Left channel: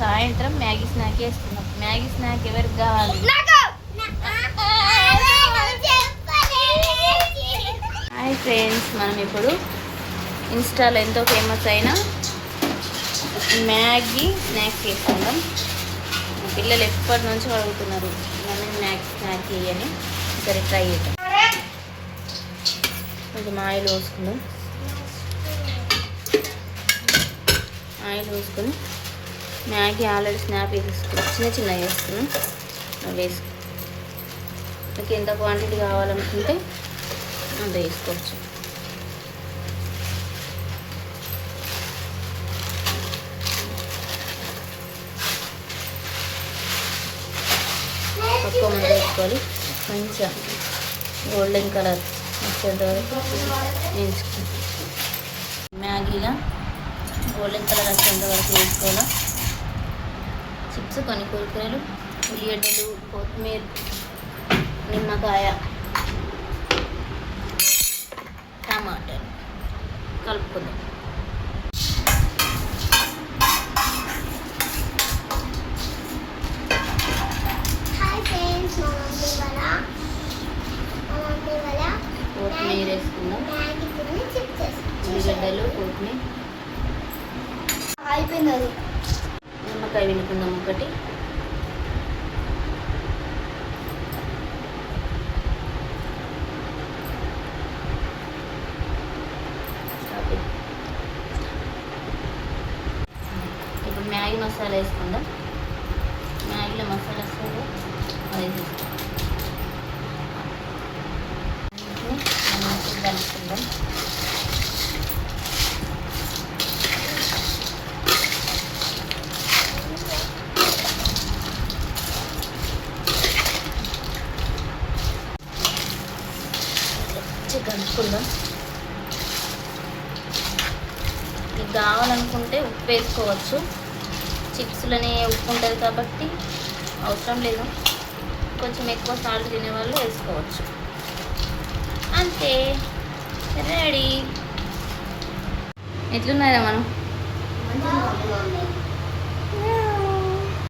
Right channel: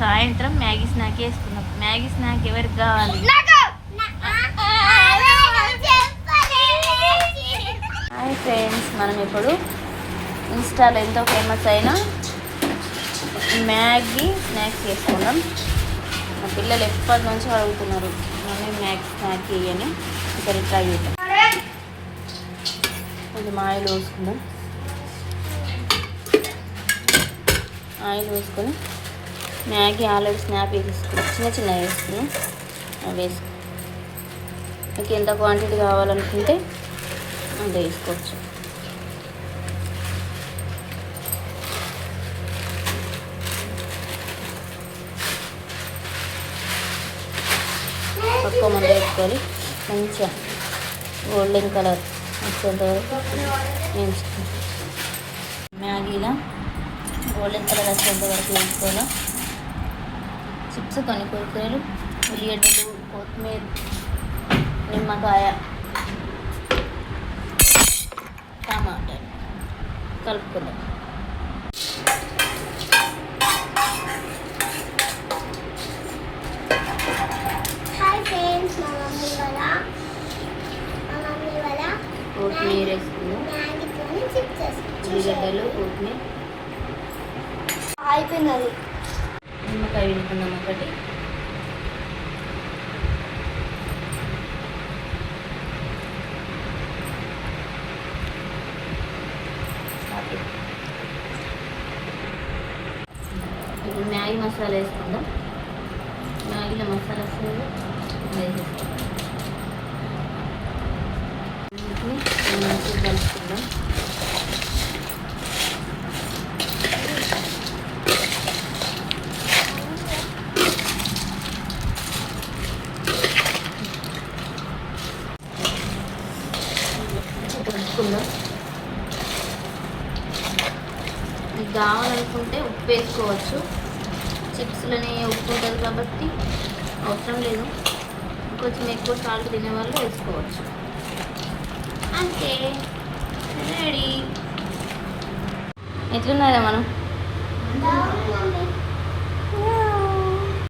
సాయంత్రం Maggi snack వేసుకున్నాం. Maggi snack ఎవరికి కావాలి? హాయ్ ఫ్రెండ్స్, మనం ఇప్పుడు ఇన్స్టాలో ఎంతో ఫేమస్ అయిన మ్యాగీ స్నాక్స్ చేసుకుందాం. మా పిల్లలు ఎప్పటి నుంచో అడుగుతున్నారు మమ్మీ మ్యాగీ స్నాక్ అని. సరే ట్రై చేద్దాం. కొంచెం ఆయిల్ పోసుకుందాం. ఆయిల్ వేసుకొని మ్యాగీ ఆల్రెడీ స్నాప్ వేసేసుకున్నాం, చిన్న చిన్న వేసుకున్నాం. అవి వేసుకున్నాం. మీకు ఎంత క్వాంటిటీ కావాలనుకుంటే అంత వేసుకోవచ్చు. తక్కువ మంది వేసుకోవాలి. మంచిగా గోల్డెన్ కలర్ వచ్చేంత వరకు వేయించుకోవాలి. మ్యాగీలా గోల్డెన్ కలర్ వచ్చేంత వరకు వేసుకోవాలి. చిప్స్, కొన్ని కురుకురలు, ఉల్లిగడ్డలు, కొత్తిమీర, నిమ్మకాయ, టమాటాలు కలుపుకుందాం. కొత్తిమీర వేసుకుందాం. ఉల్లిగడ్డలు, కొత్తిమీర, అయిపోయినది. నిమ్మకాయ వినుకుందాం ఒకటి. ఇప్పుడు మ్యాగీ మసాలా వేసుకుందాం. మ్యాగీలో మసాలా వేసుకుందాం. కలుపుకుందాం. కలుపుకుందాం. మీకు కావాలనుకుంటే ఉప్పు వేసుకోవచ్చు. చిప్స్లోనే ఉప్పు ఉంటుంది కాబట్టి అవసరం లేదు. కొంచెం ఎక్కువ సాల్ట్ తినేవాళ్ళు వేసుకోవచ్చు. అంతే, రెడీ. ఎట్లున్నారా మనం?